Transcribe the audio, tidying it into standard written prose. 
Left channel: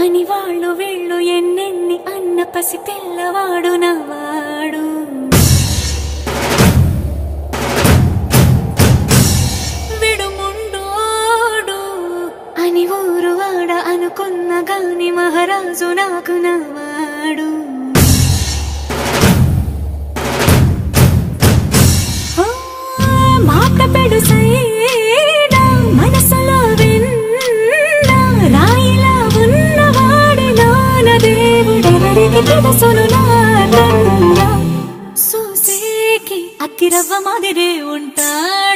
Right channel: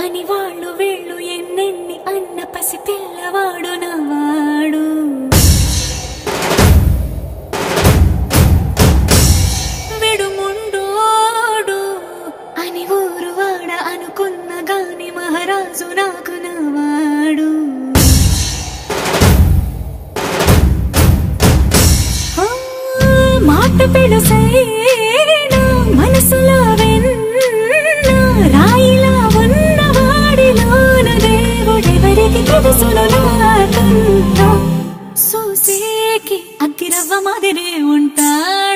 అని వాళ్ళు వీళ్ళు ఎన్నెన్ని అన్న పసి పిల్లవాడు నవాడు. విడుముండోడు అని ఊరు వాడ అనుకున్న గాని మహారాజు నాకు నవాడు. మాట పెడుసైనా మనసులో వెన్న రాయిలా ఉన్నవాడిలోన దేవుడెవరికి తెలుసును నాకన్నా. సూసేకి అగ్గిరవ్వ మాదిరే ఉంటాడు.